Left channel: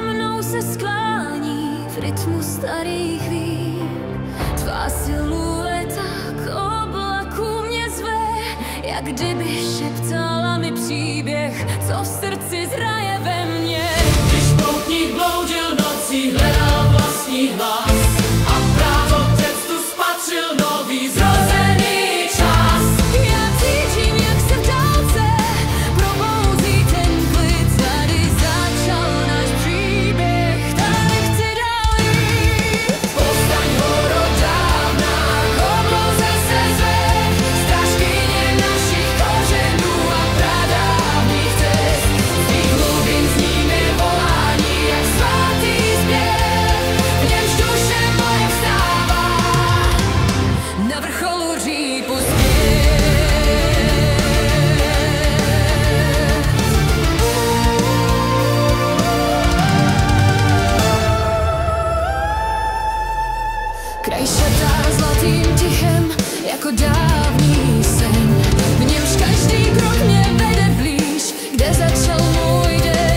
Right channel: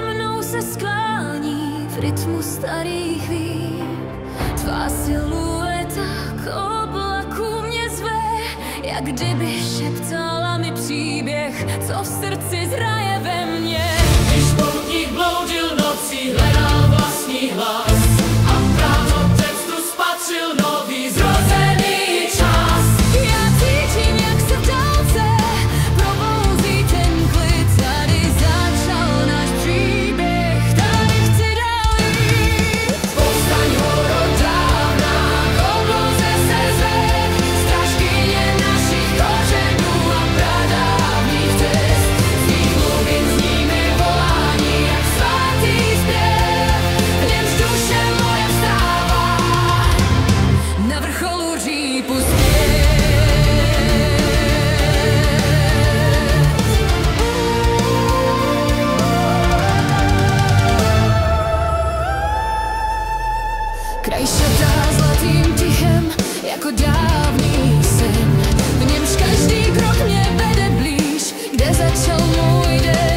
Nade mnou se sklání v rytmu starých vín. Tvá silueta k oblaku mě zve, jak kdyby šeptala mi příběh, co v srdci zraje ve mně. Když poutník bloudil nocí, hledal vlastní hlas a právotectvu spatřil nový zrozený čas. Já cítím, jak se v dálce probouzí ten klid. Tady začal náš příběh, tady chci dál jít. Povstaň horodávna, k obloze se zve, strážkyně našich kořenů a pradávných cest. Z tvých hlubin zní mi volání, jak svatý zpěv, v němž duše moje vstává Na vrcholu řípu zpět. Kraj šatá zlatým tichem, jako dávný sen. V němž každý krok mě vede blíž, kde začal můj den.